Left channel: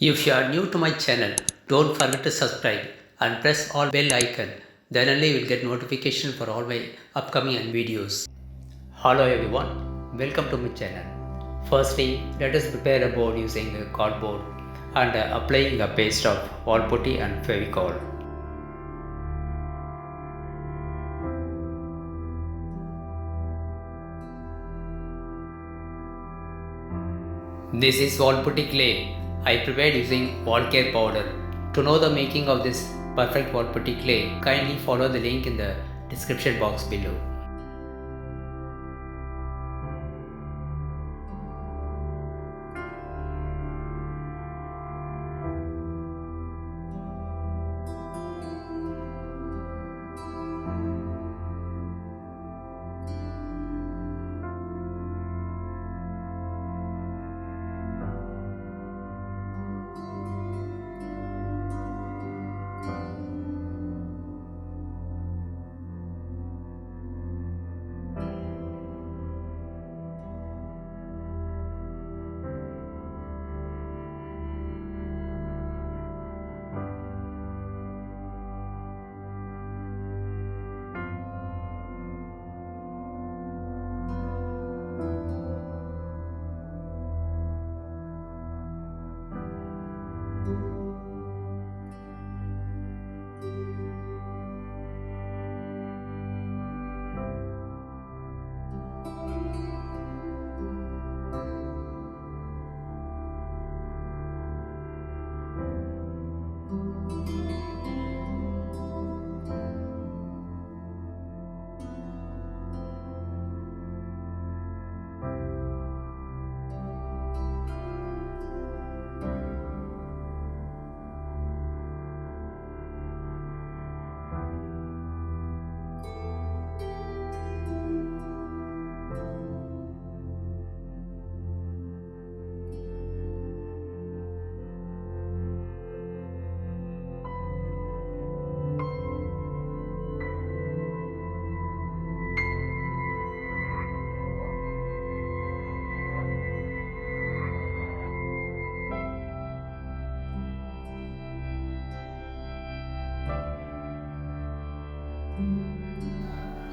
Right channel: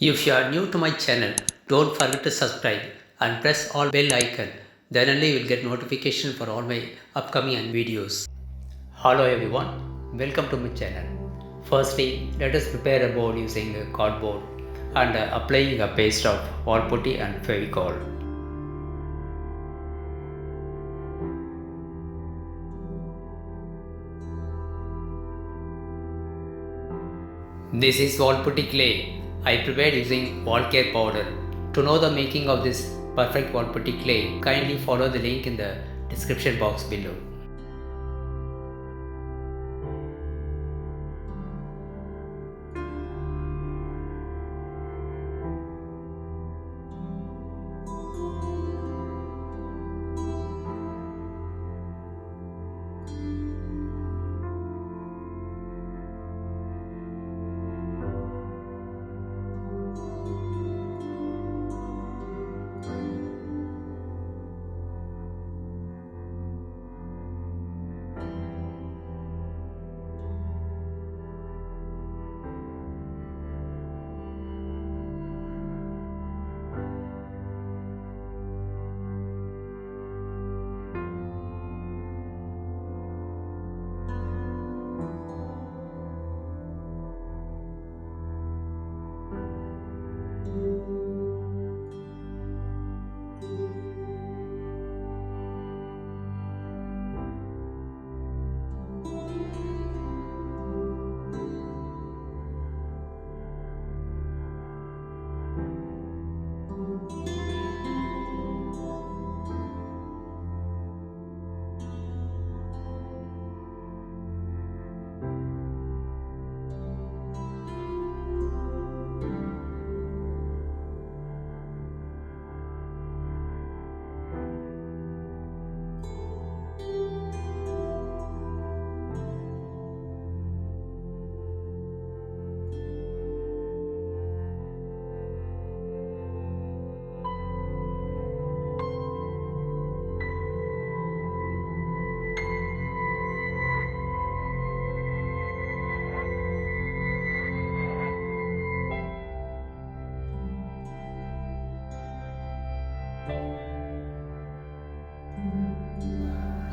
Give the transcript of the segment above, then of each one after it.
If you are new to my channel, don't forget to subscribe and press all bell icon. Then only you will get notification for all my upcoming videos. Hello everyone, welcome to my channel. Firstly, let us prepare a board using a cardboard and applying a paste of wall putty and Fevicol. This is wall putty clay. I prepared using wall care powder. To know the making of this perfect wall putty clay, kindly follow the link in the description box below.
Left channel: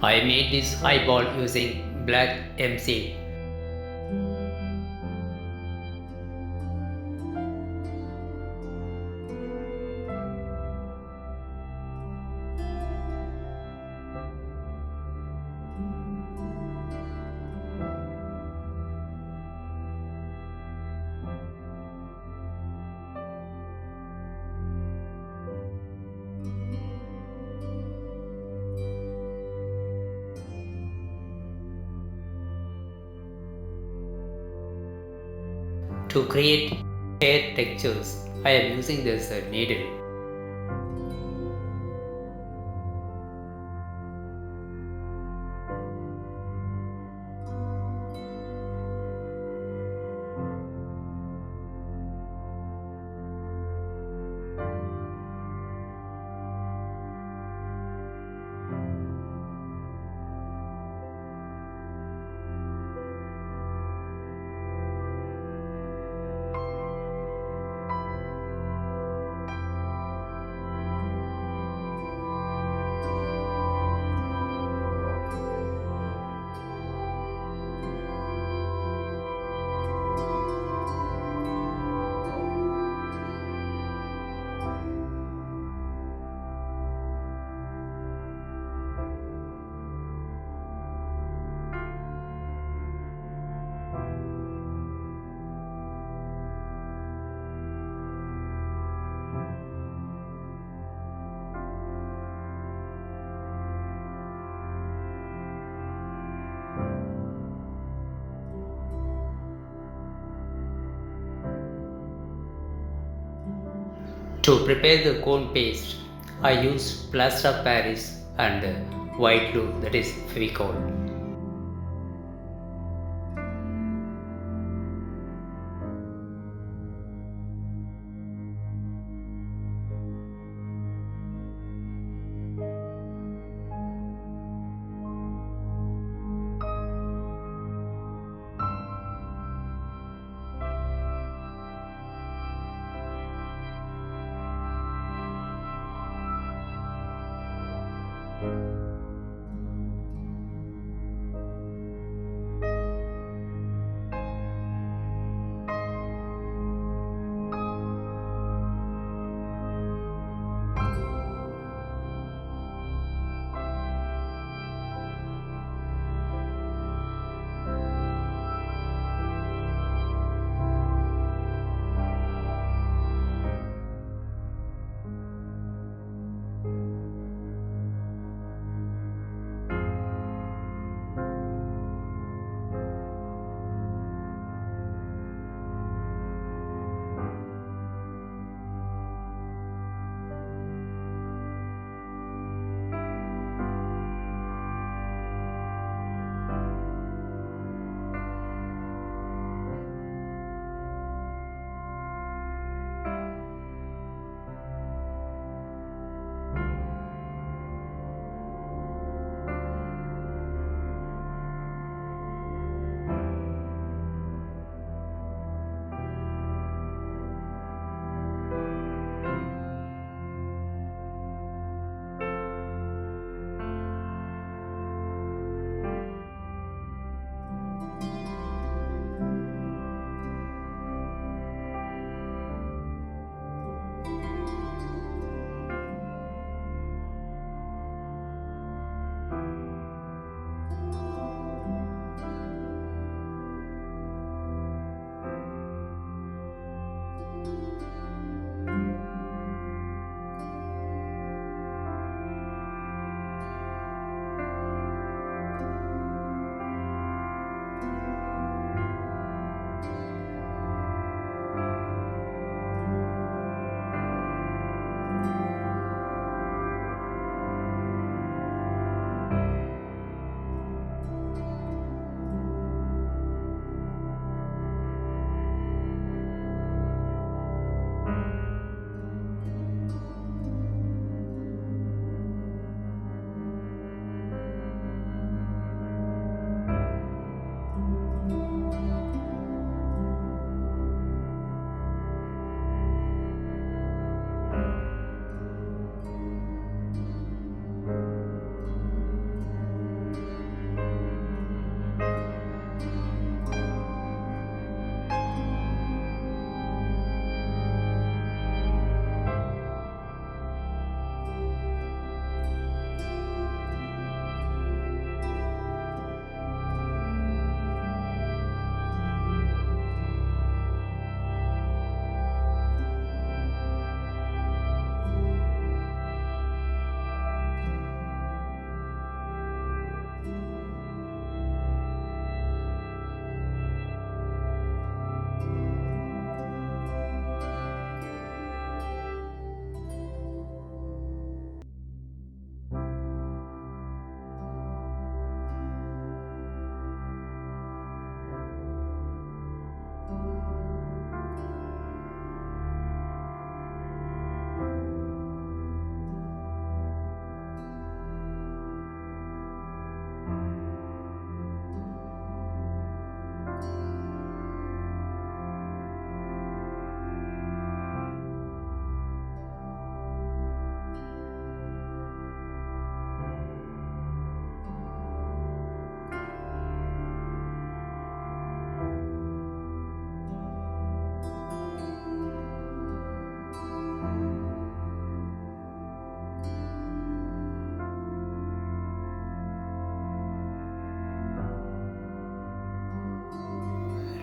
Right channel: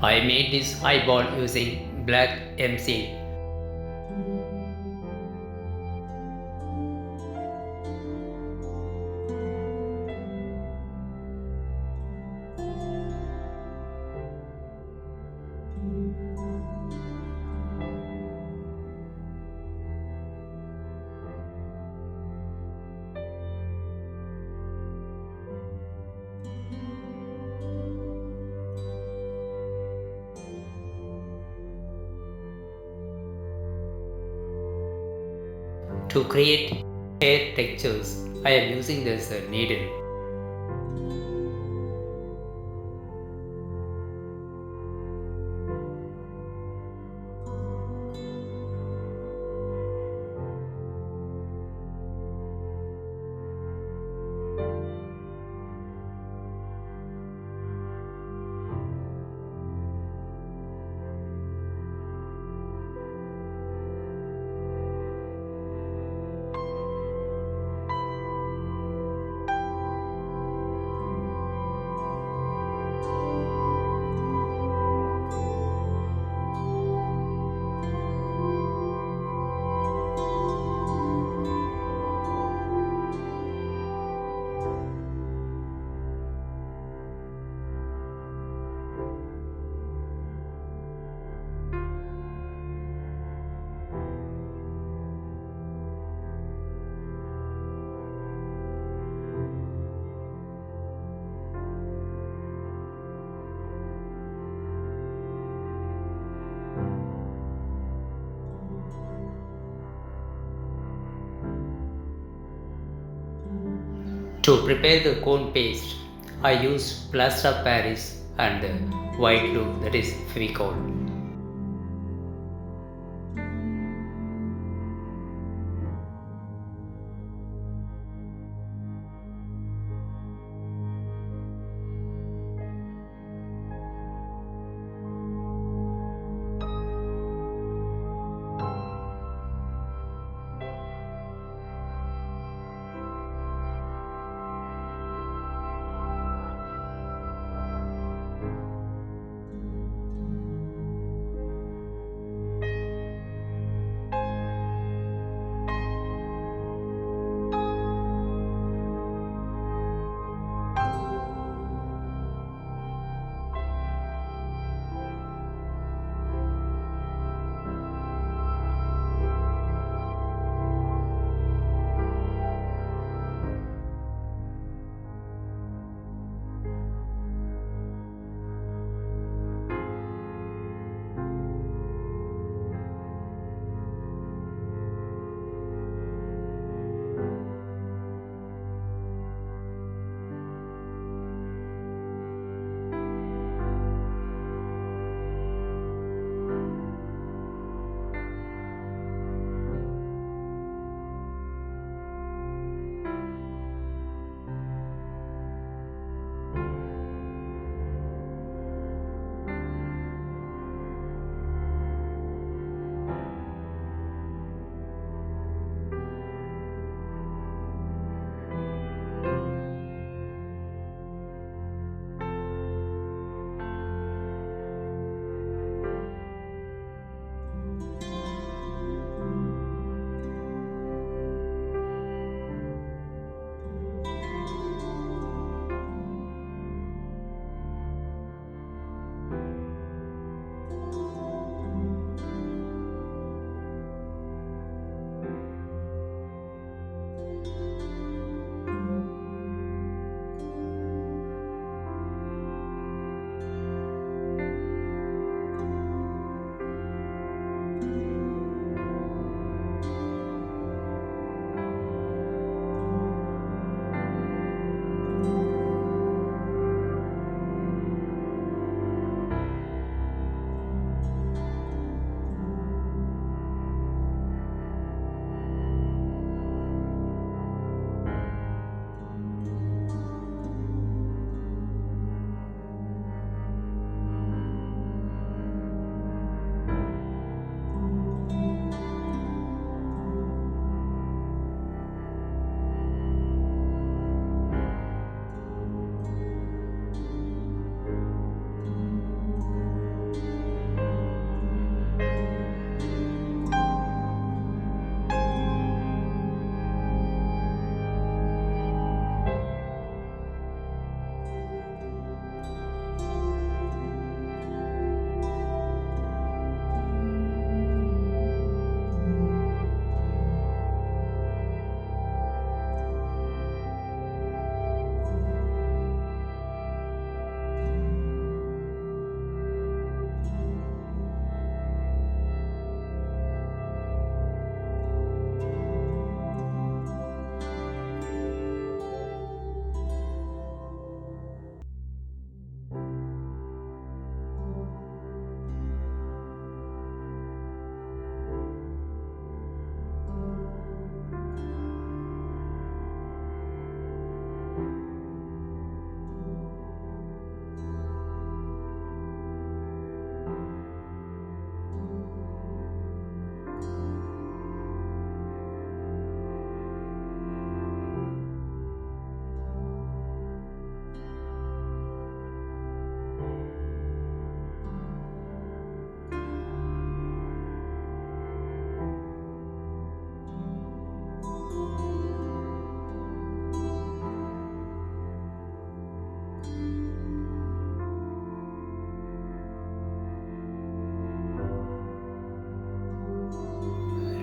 I made this eyeball using black MC. To create hair textures, I am using this needle. To prepare the cone paste, I used plaster of Paris and white glue, that is Fevicol.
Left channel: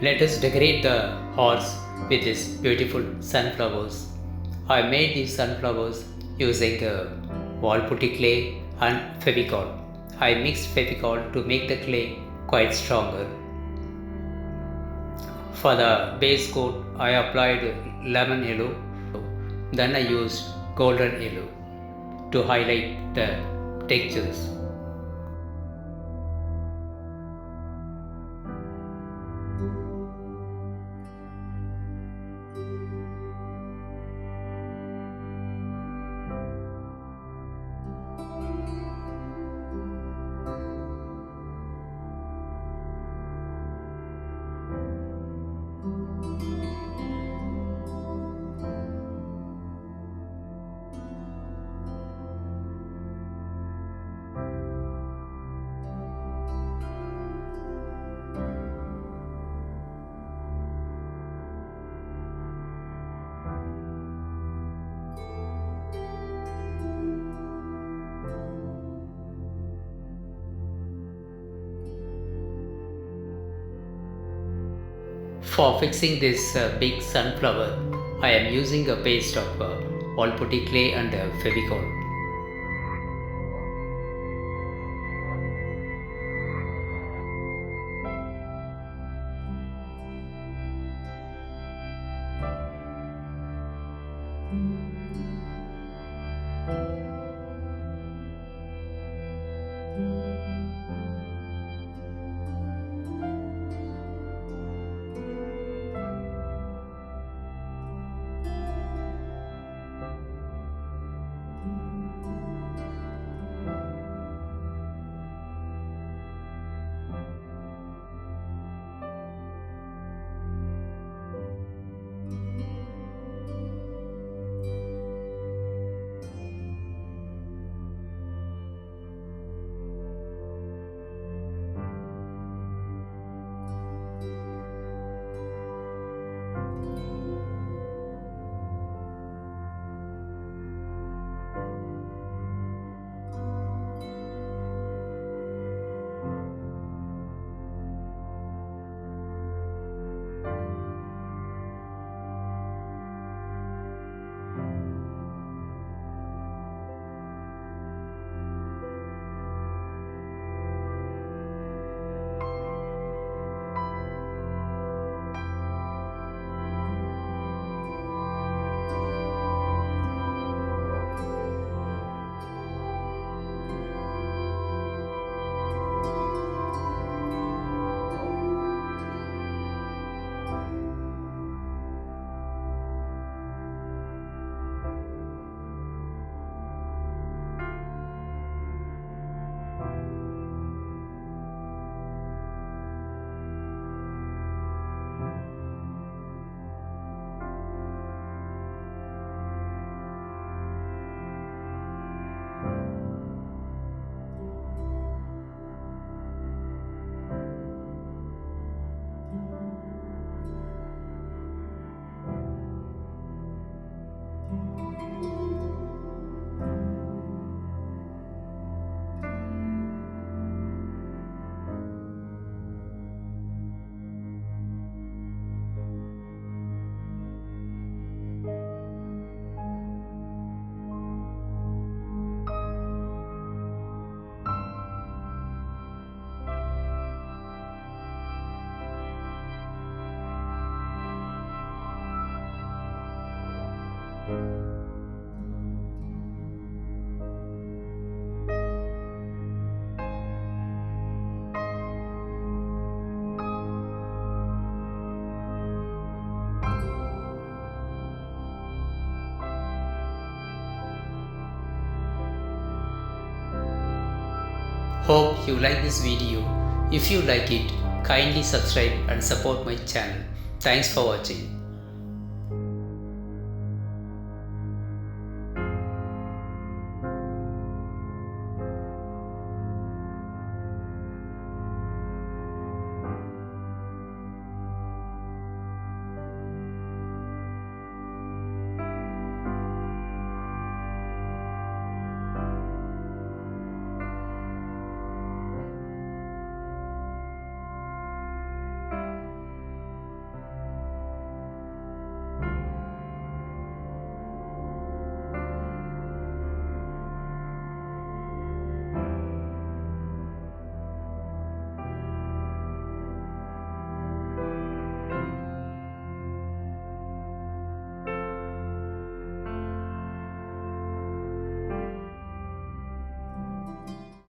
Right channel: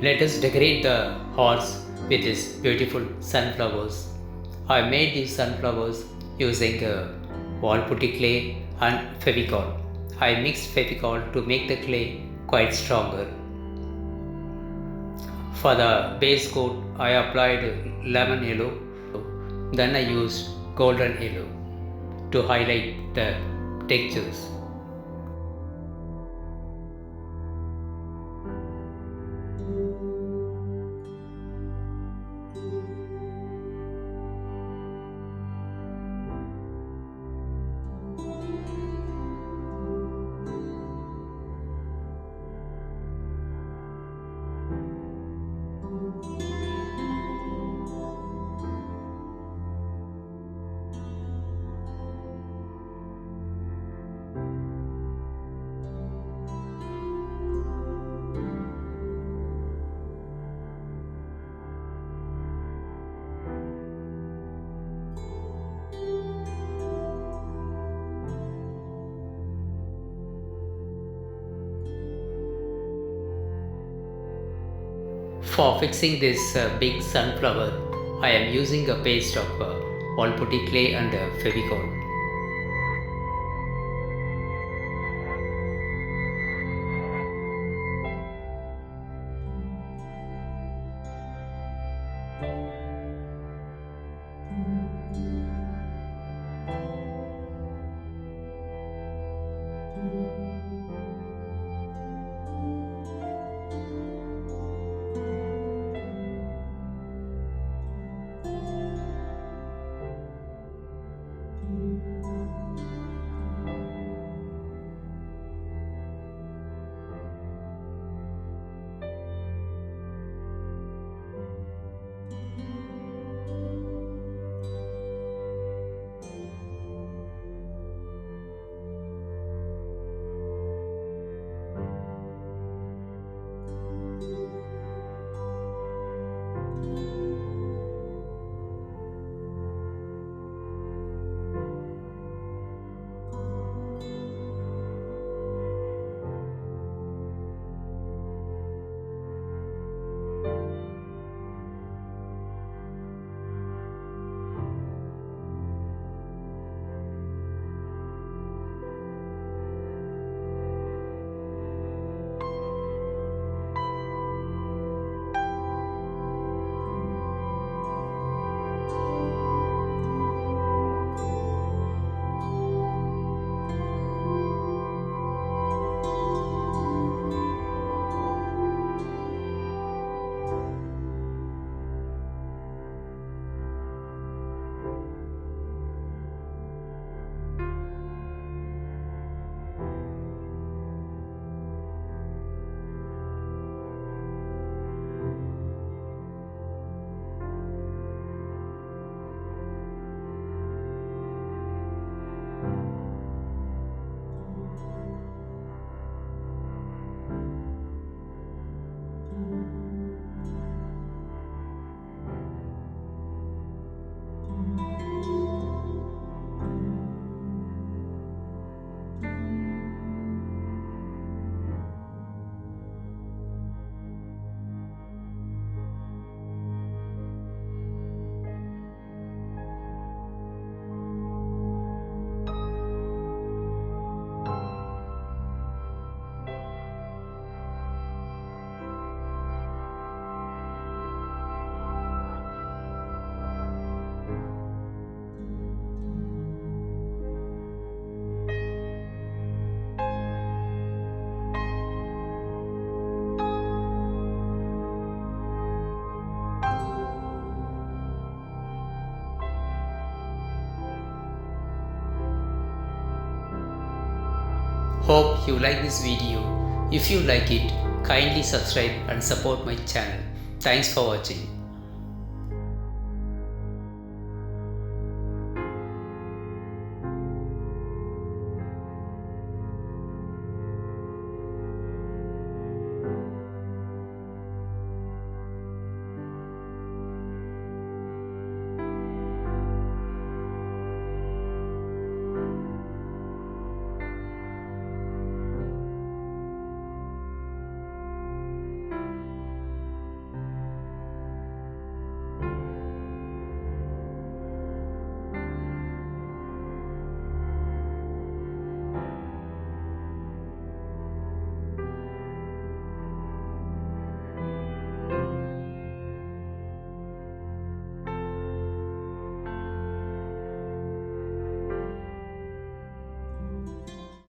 Let us decorate the horse with these beautiful sunflowers. I made these sunflowers using wall putty clay and Fevicol. I mixed Fevicol to make the clay quite stronger. For the base coat, I applied lemon yellow. Then I used golden yellow to highlight the textures. For fixing this big sunflower, I am using a paste of wall putty clay and Fevicol. Hope you like this video. If you like it, kindly subscribe and support my channel. Thanks for watching.